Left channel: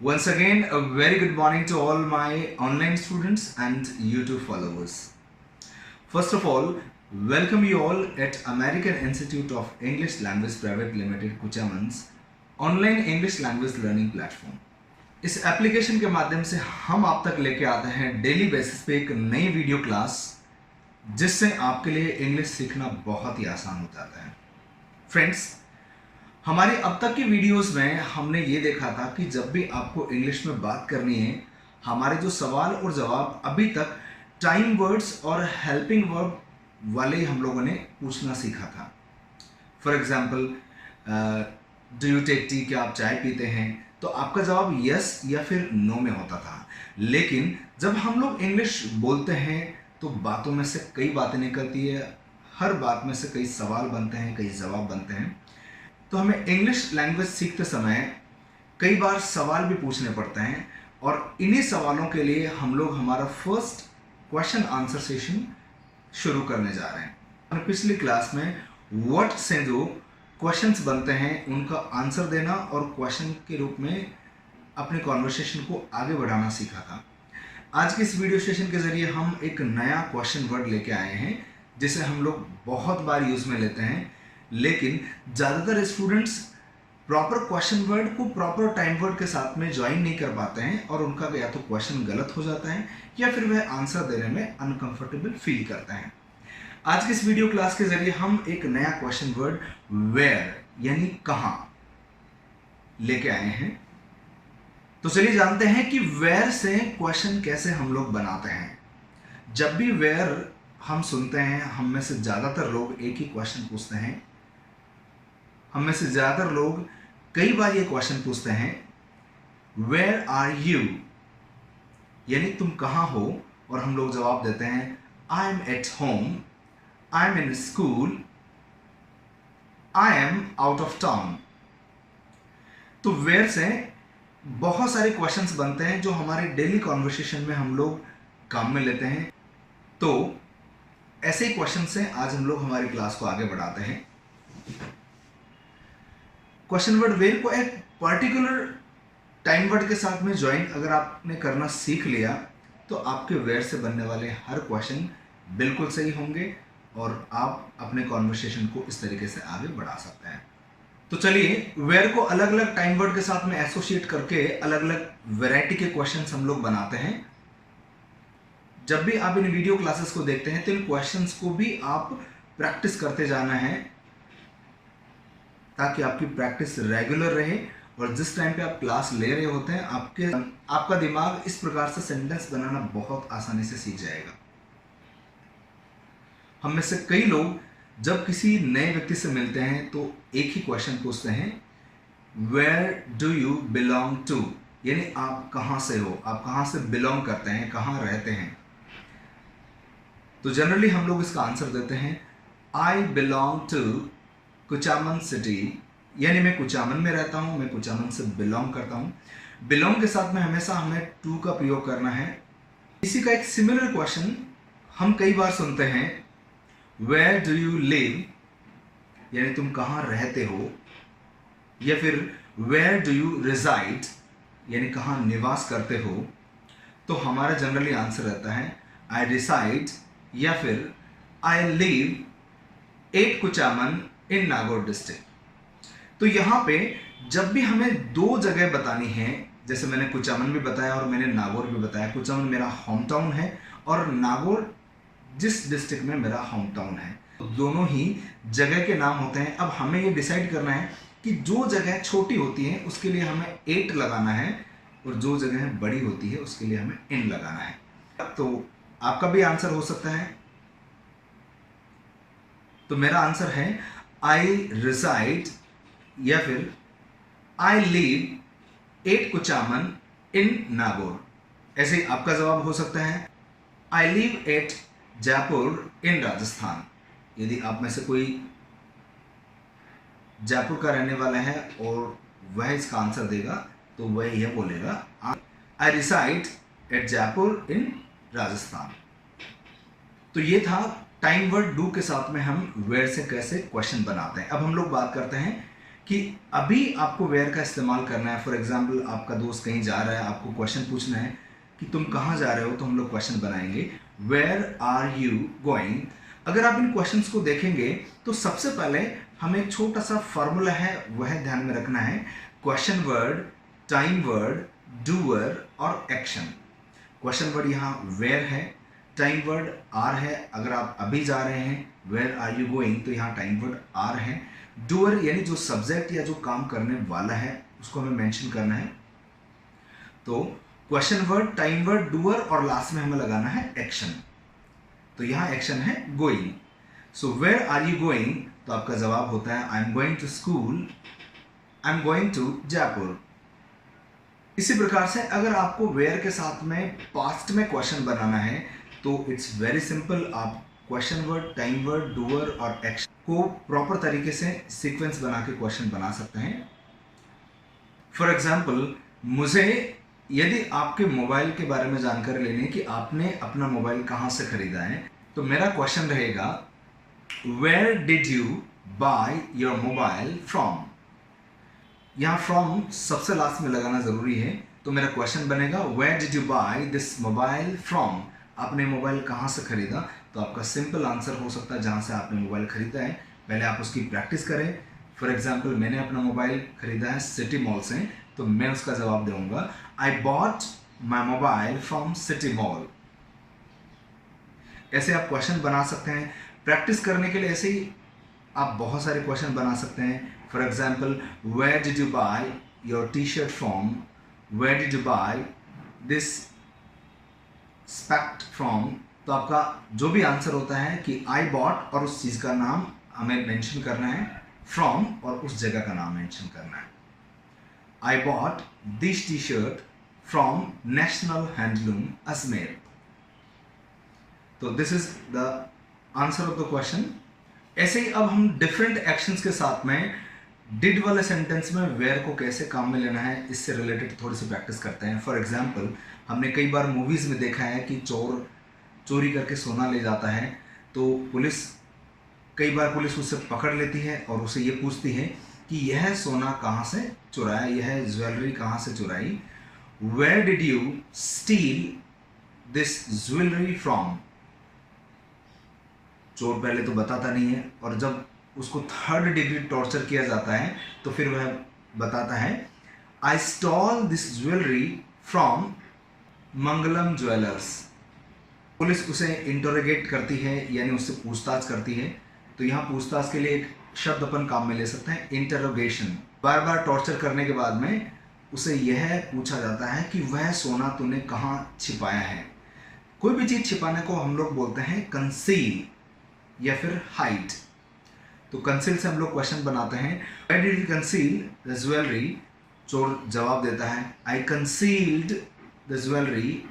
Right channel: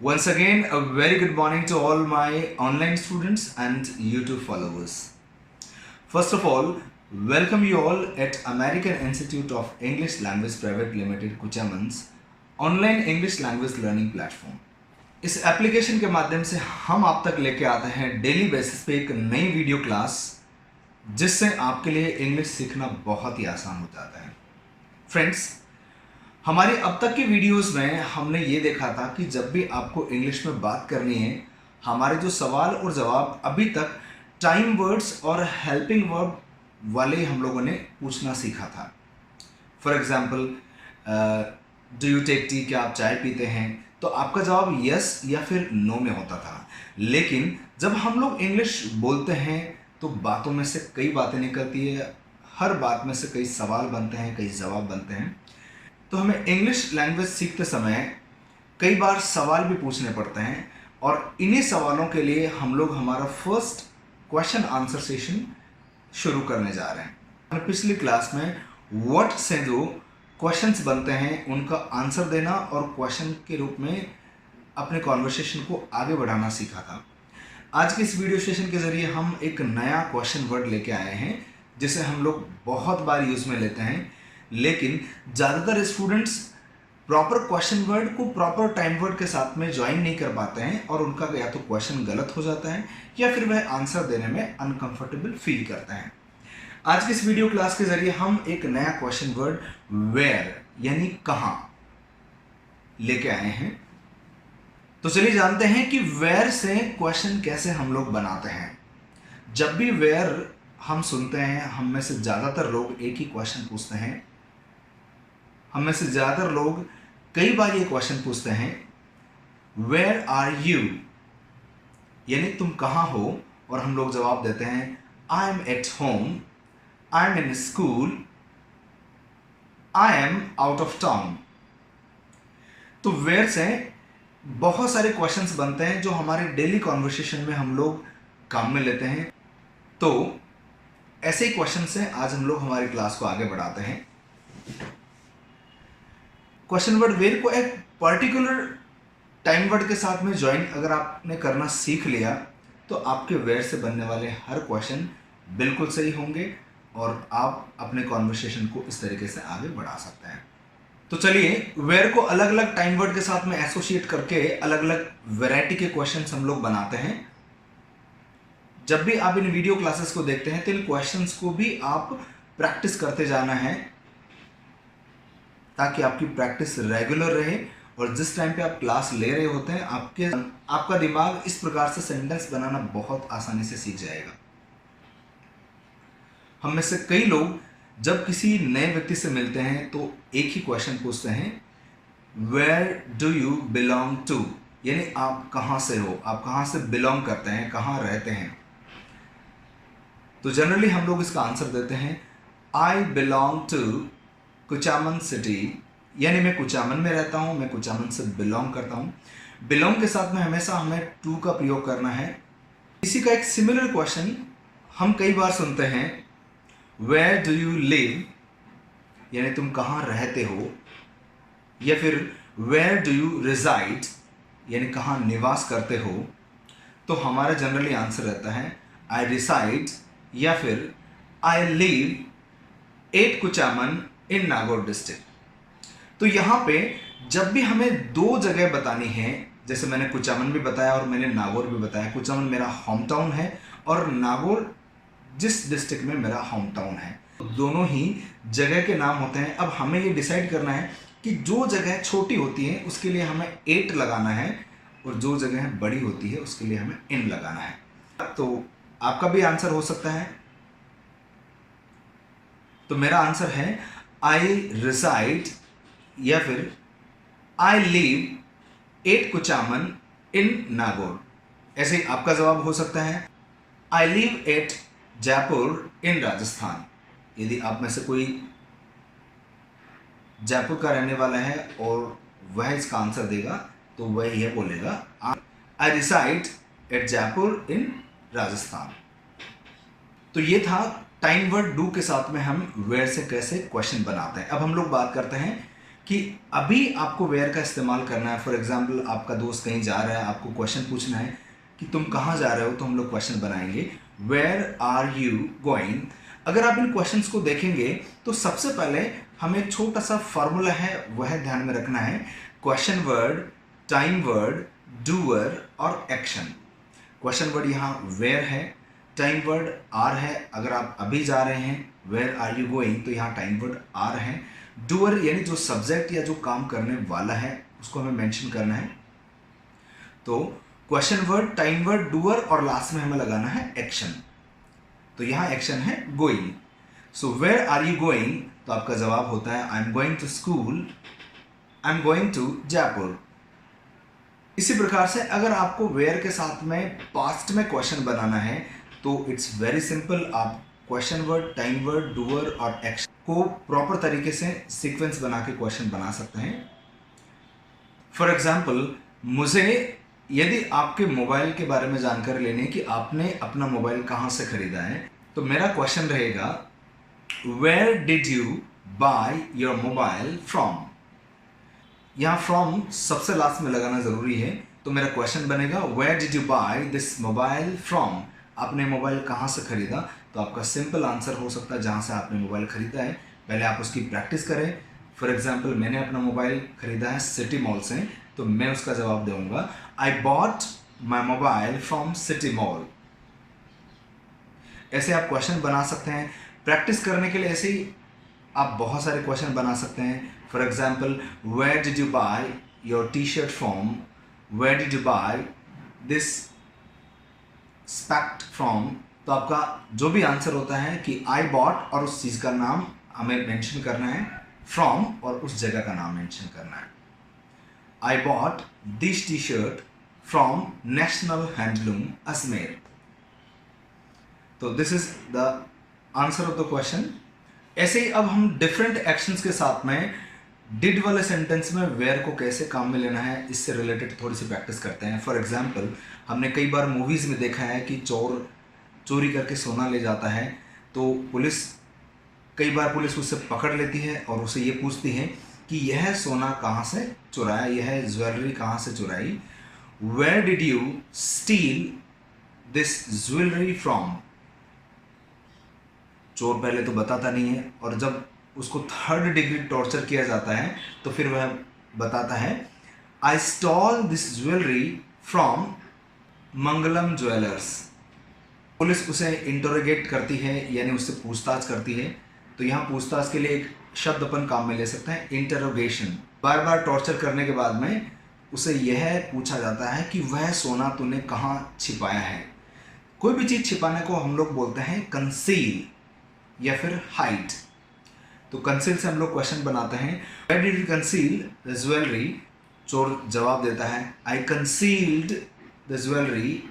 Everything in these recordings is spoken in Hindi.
Once again, a very good morning to all my online students and YouTube followers. First of all, welcome you all at American Institute of English Language Private Limited कुचामन्स online English language learning platform. इस एप्लीकेशन के माध्यम से हम आप तक लेके आते हैं डेली बेसिस पे एक नई वीडियो क्लास, जिससे आपके लिए इंग्लिश सीखना बहुत ही आसान हो जाता है। फ्रेंड्स, हमारी अब तक की वीडियोस में हमने ये देखा था कि जब भी आपको इंग्लिश में बात करनी है, हमारे जो सवाल और जवाब अभी तक टाइम वर्ड्स और हेल्पिंग वर्ब वाले हम लोगों ने पूछना सीखा था। For example, do you take tea, क्या आप चाय पीते हैं? तो आपका जवाब यस या फिर नो में होता था। लेकिन जब हम लोग इंग्लिश बोलते हैं तो बातों में से कई बातें निकलती है, हर बात में से कई सवाल बनते हैं, कई जवाब बनते हैं। तो हमें इंग्लिश लैंग्वेज सीखते समय कई बार सवाल भी पूछने पड़ते हैं, और इन्हीं सवालों के लिए हम लोग हमारा फर्स्ट क्वेश्चन आंसर सेशन शुरू करने जा रहे हैं। पिछली क्लास में व्हाट से जो क्वेश्चंस बनते हैं उनका आंसर देना और क्वेश्चन के रूप में अपने कॉन्वर्सेशन को आगे बढ़ाना सीखा था। आज के इस वीडियो सेशन के ज़रिए हम एक नया क्वेश्चन वर्ड लेके आए हैं, जिसे हम लोग बहुत बार यूज़ में लेते हैं, लेकिन ज़्यादातर स्टूडेंट्स प्रॉपर क्वेश्चन वर्ड को प्रॉपर टाइम वर्ड के साथ में ज्वाइन नहीं कर पाते हैं, और उनका या तो क्वेश्चन गलत हो जाता है या फिर वह आंसर देने में अनकंफर्टेबल फील करते हैं। आज की इस वीडियो क्लास के जरिए हम एक नया क्वेश्चन वर्ड वेयर यानी कहाँ लेके आए हैं। तो चलिए जानते हैं कि वेयर से क्वेश्चन कैसे हम लोग बनाते हैं। जब भी वेयर हम सुनते हैं, हम में से ज़्यादातर लोग एक ही क्वेश्चन पूछते हैं। हम में से ज़्यादातर लोग कई बार ये क्वेश्चन पूछते हैं, वेयर आर यू, यानी तुम कहाँ हो? और हम लोग जवाब देते हैं, I am at home, I am in school, I am out of town. तो वेयर से बहुत सारे क्वेश्चंस बनते हैं जो हमारे डेली कॉन्वर्सेशन में हम लोग काम में लेते हैं। तो ऐसे ही क्वेश्चन से आज हम लोग हमारी क्लास को आगे बढ़ाते हैं। क्वेश्चन वर्ड वेयर को एक पर्टिकुलर टाइम वर्ड के साथ में ज्वाइन अगर आपने करना सीख लिया, तो आपके वेयर से बनने वाले हर क्वेश्चन बिल्कुल सही होंगे और आप अपने कॉन्वर्सेशन को इस तरीके से आगे बढ़ा सकते हैं। तो चलिए, वेयर को अलग अलग टाइम वर्ड के साथ में एसोसिएट करके अलग अलग वैरायटी के क्वेश्चंस हम लोग बनाते हैं। जब भी आप इन वीडियो क्लासेस को देखते हैं तो इन क्वेश्चंस को भी आप प्रैक्टिस करते जाना है, ताकि आपकी प्रैक्टिस रेगुलर रहे, और जिस टाइम पे आप क्लास ले रहे होते हैं आपका दिमाग इस प्रकार से सेंटेंस बनाना बहुत आसानी से सीख जाएगा। हम में से कई लोग जब किसी नए व्यक्ति से मिलते हैं तो एक ही क्वेश्चन पूछते हैं, where do you belong to, यानी आप कहाँ से हो, आप कहाँ से बिलोंग करते हैं, कहाँ रहते हैं। तो जनरली हम लोग इसका आंसर देते हैं, I belong to Kuchaman city, यानी मैं कुचामन में रहता हूँ, मैं कुचामन से बिलोंग करता हूँ। बिलोंग के साथ में हमेशा हमें टू का प्रयोग करना है। इसी का एक सिमिलर क्वेश्चन हम कई बार सुनते हैं, वेयर डू यू लिव, यानी तुम कहाँ रहते हो, या फिर वेयर डू यू रिजाइड, यानी कहाँ निवास करते हो। तो हमारा जनरली आंसर रहता है, आई रिसाइड या फिर I live at Kuchaman in Nagaur district. तो यहाँ पे जब भी हमें दो जगह बतानी है, जैसे मैंने कुचामन भी बताया और मैंने नागौर भी बताया। कुचामन मेरा होम टाउन है और नागौर जिस डिस्ट्रिक्ट में मेरा होम टाउन है, दोनों ही जगह के नाम होते हैं। अब हमें ये डिसाइड करना है कि जो जगह छोटी होती है उसके लिए हमें एट लगाना है, और जो जगह बड़ी होती है उसके लिए हमें इन लगाना है। तो आपका भी आंसर हो सकता है। तो मेरा आंसर है, आई रिसाइड या फिर आई लिव एट कुचामन इन नागौर। ऐसे ही आपका जवाब हो सकता है, आई लिव एट जयपुर इन राजस्थान। यदि आप में से कोई जयपुर का रहने वाला है और वह इसका आंसर देगा, तो वह यह बोलेगा, आई रिसाइड एट जयपुर इन राजस्थान। तो ये था टाइम वर्ड डू के साथ में हम वेयर से कैसे क्वेश्चन बनाते हैं। अब हम लोग बात करते हैं कि अभी आपको वेयर का इस्तेमाल करना है। फॉर एग्जाम्पल आपका दोस्त कहीं जा रहा है, आपको क्वेश्चन पूछना है कि तुम कहाँ जा रहे हो, तो हम लोग क्वेश्चन बनाएंगे वेयर आर यू गोइंग। अगर आप इन क्वेश्चंस को देखेंगे तो सबसे पहले हमें एक छोटा सा फॉर्मूला है वह ध्यान में रखना है। Question word, time word, doer और एक्शन। क्वेश्चन वर्ड यहाँ वेयर है, टाइम वर्ड आर है। अगर आप अभी जा रहे हैं वेयर आर यू गोइंग, तो यहाँ टाइम वर्ड आर है। डूअर यानी जो सब्जेक्ट या जो काम करने वाला है उसको हमें मेंशन करना है। तो question word, time word, doer और लास्ट में हमें लगाना है एक्शन। तो यहाँ एक्शन है going. So where are you going, तो आपका जवाब होता है I am going to school, I am going to Jaipur. इसी प्रकार से अगर आपको वेयर के साथ में पास्ट में क्वेश्चन बनाना है तो इट्स वेरी सिंपल। आप question word, time word, doer और एक्शन को प्रॉपर तरीके से सीक्वेंस बना के क्वेश्चन बना सकते हैं। फॉर एग्जाम्पल, मुझे यदि आपके मोबाइल के बारे में जानकारी लेनी है कि आपने अपना मोबाइल कहाँ से खरीदा है, तो मेरा क्वेश्चन रहेगा where did you buy your mobile from. यहाँ फ्रॉम सबसे लास्ट में लगाना जरूरी है। तो मेरा क्वेश्चन बनेगा where did you buy this mobile from. आपने मोबाइल कहाँ से खरीदा, तो आपका सिंपल आंसर हो सकता है जहाँ से आपने मोबाइल खरीदा है पहले आप उसकी प्रैक्टिस करें। फॉर एग्जाम्पल, मैंने अपना मोबाइल खरीदा है सिटी मॉल से, तो मैं उसका जवाब दूंगा I bought my mobile from city mall. ऐसे आप क्वेश्चन बना सकते हैं। प्रैक्टिस करने के लिए ऐसे ही आप बहुत सारे क्वेश्चन बना सकते हैं। For example, where did you buy your T shirt from, where did you buy this specs from. तो आपका जो भी आंसर होता है कि आई बॉट और उस चीज़ का नाम हमें मेंशन करना है, फ्रॉम और उस जगह का नाम मेंशन करना है। I bought this T shirt from national handloom Ajmer. तो this is the answer of the question. ऐसे ही अब हम डिफरेंट एक्शंस के साथ में डिड वाले सेंटेंस में वेयर को कैसे काम में लेना है, इससे रिलेटेड थोड़ी सी प्रैक्टिस करते हैं। फॉर एग्जाम्पल, हमने कई बार मूवीज़ में देखा है कि चोर चोरी करके सोना ले जाता है, तो कई बार पुलिस उसे पकड़ लेती है और उसे ये पूछती है कि यह सोना कहाँ से चुराया, यह ज्वेलरी कहाँ से चुराई। Where did you steal this jewellery from. चोर पहले तो बताता नहीं है, और जब उसको 3rd डिग्री टॉर्चर किया जाता है तो फिर वह बताता है I stole this jewellery from Mangalam jewellers. Police उसे इंटरोगेट करती है, यानी उससे पूछताछ करती है। तो यहाँ पूछताछ के लिए एक शब्द अपन काम में ले सकते हैं, इंटरोगेशन। बार बार टॉर्चर करने के बाद में उसे यह पूछा जाता है कि वह सोना तूने कहाँ छिपाया है। कोई भी चीज़ छिपाने को हम लोग बोलते हैं कंसील या फिर हाइड। तो कंसील से हम लोग क्वेश्चन बनाते हैं, where did you conceal the jewellery. चोर जवाब देता है I concealed the jewellery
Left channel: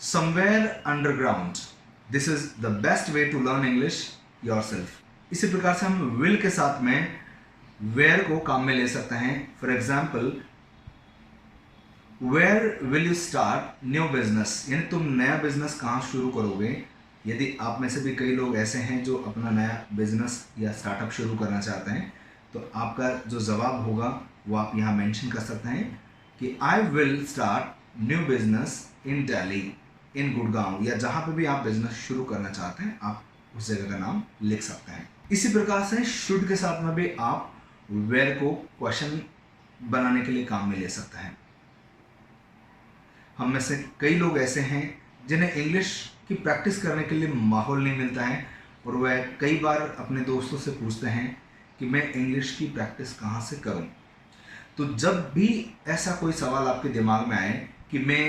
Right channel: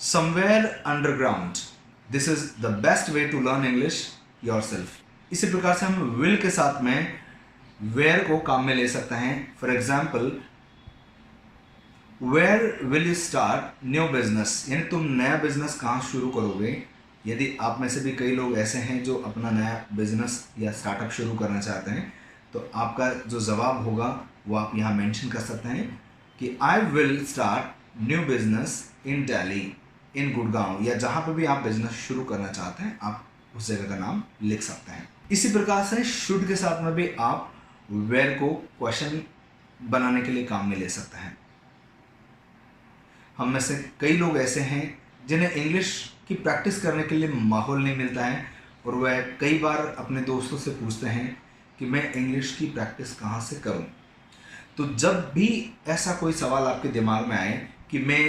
somewhere underground. This is the best way to learn English yourself. इसी प्रकार से हम विल के साथ में वेयर को काम में ले सकते हैं। For example, where will you start new business, यानी तुम नया बिजनेस कहाँ शुरू करोगे। यदि आप में से भी कई लोग ऐसे हैं जो अपना नया बिजनेस या स्टार्टअप शुरू करना चाहते हैं, तो आपका जो जवाब होगा वो आप यहाँ मेंशन कर सकते हैं कि I will start new business in Delhi, in Gurgaon, या जहाँ पे भी आप बिजनेस शुरू करना चाहते हैं आप उस जगह का नाम लिख सकते हैं। इसी प्रकार से शुड के साथ में भी आप वेयर को क्वेश्चन बनाने के लिए काम में ले सकते हैं। हम में से कई लोग ऐसे हैं जिन्हें इंग्लिश की प्रैक्टिस करने के लिए माहौल नहीं मिलता है, और वह कई बार अपने दोस्तों से पूछते हैं कि मैं इंग्लिश की प्रैक्टिस कहाँ से करूँ। तो जब भी ऐसा कोई सवाल आपके दिमाग में आए कि मैं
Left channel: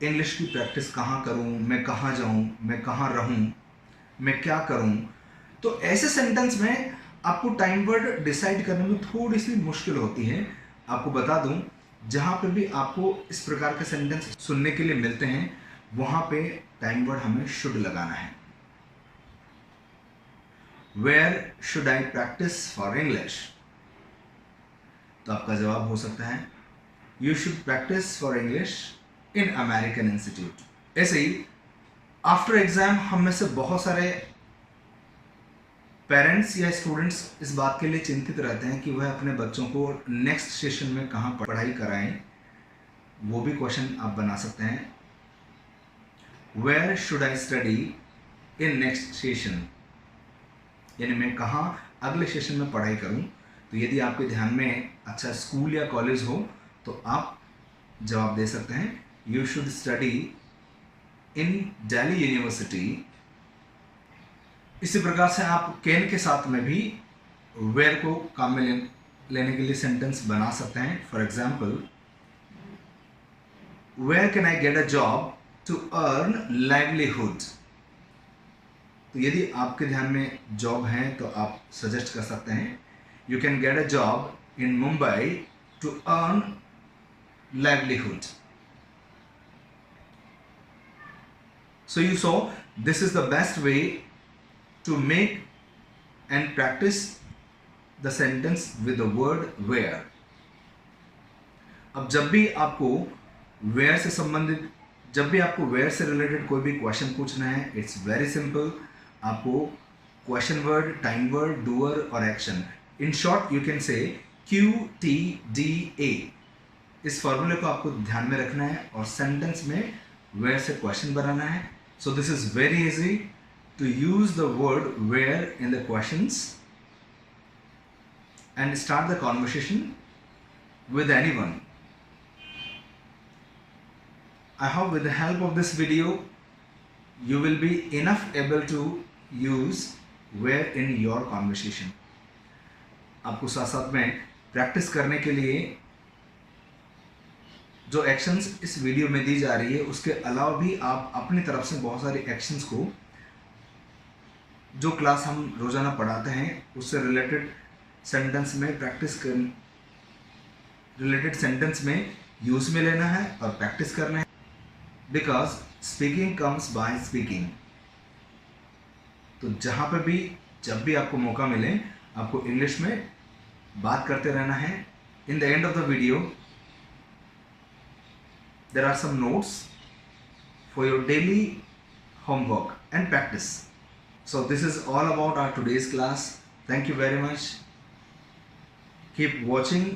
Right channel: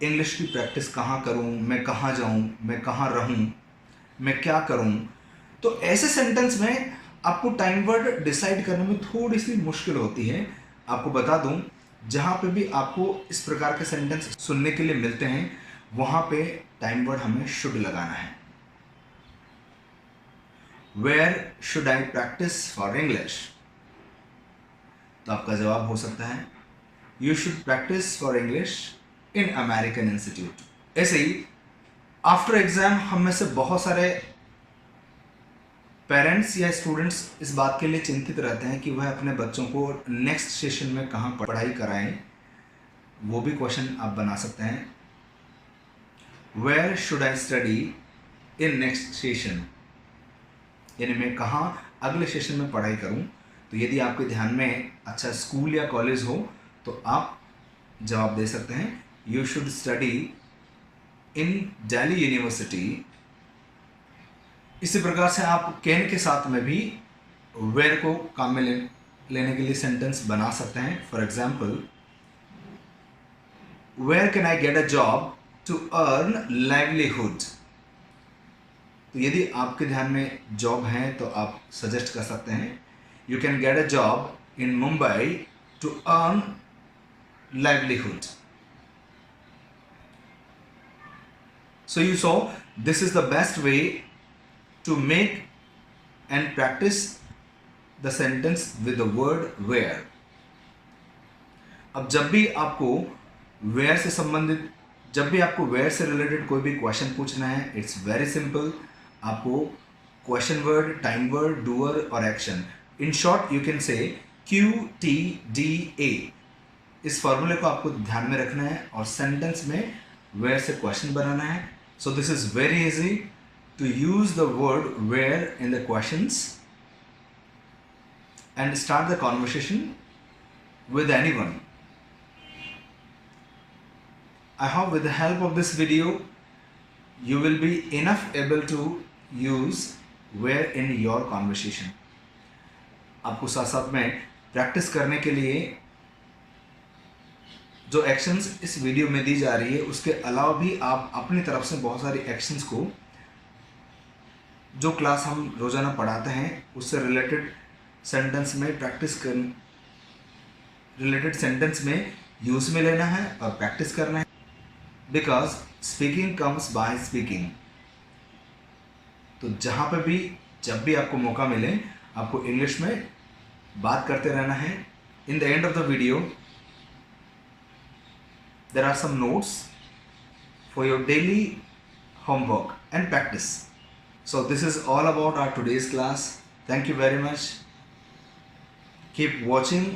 इंग्लिश की प्रैक्टिस कहाँ करूँ, मैं कहाँ जाऊँ, मैं कहाँ रहूँ, मैं क्या करूँ, तो ऐसे सेंटेंस में आपको टाइम वर्ड डिसाइड करने में थोड़ी सी मुश्किल होती है। आपको बता दूं, जहाँ पे भी आपको इस प्रकार के सेंटेंस सुनने के लिए मिलते हैं वहाँ पे टाइम वर्ड हमें शुड लगाना है। Where should I practise for English, तो आपका जवाब हो सकता है you should practise for English in American institute. ऐसे ही आफ्टर एग्जाम हम में से बहुत सारे पेरेंट्स या स्टूडेंट्स इस बात के लिए चिंतित रहते हैं कि वह अपने बच्चों को नेक्स्ट सेशन में कहाँ पढ़ाई कराएं। वो भी क्वेश्चन आप बना सकते हैं, where should I study in next session, यानी मैं कहाँ अगले सेशन में पढ़ाई करूं। तो यदि आपके ध्यान में अच्छा स्कूल या कॉलेज हो तो आप जवाब दे सकते हैं, you should study in Delhi university. इसी प्रकार से आप कैन के साथ में भी वेयर को काम में लेने के लिए सेंटेंस बना सकते हैं। For example, where can I get a job to earn livelihood. तो यदि आपके ध्यान में जॉब है तो आप सजेस्ट कर सकते हैं, you can get a job in Mumbai to earn livelihood. So you saw, this is the best way to make and practice the sentence with the word where. अब जब भी आपको where से संबंधित, जब भी आपको where से रिलेटेड कोई भी क्वेश्चन पूछना है, इट्स वेरी सिंपल। आपको question word, time word, doer और action, in short you can say QTDA। इस फॉर्मूले को आपको ध्यान में रखना है और सेंटेंस में where से क्वेश्चन बनाना है। So this is very easy to use the word where in the questions and start the conversation with anyone. I hope with the help of this video you will be enough able to use where in your conversation. आपको साथ साथ में प्रैक्टिस करने के लिए जो एक्शंस इस वीडियो में दी जा रही है उसके अलावा भी आप अपनी तरफ से बहुत सारी एक्शंस को जो क्लास हम रोज़ाना पढ़ाते हैं उससे रिलेटेड सेंटेंस में रिलेटेड सेंटेंस में यूज़ में लेना है और प्रैक्टिस करना है। Because speaking comes by speaking. तो जहाँ पे भी जब भी आपको मौका मिले आपको इंग्लिश में बात करते रहना है। In the end of the video there are some notes for your daily homework and practice. So this is all about our today's class. Thank you very much. Keep watching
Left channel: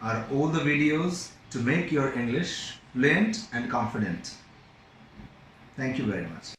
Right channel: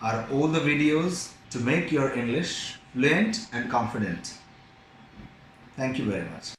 our all the videos to make your English fluent and confident. Thank you very much.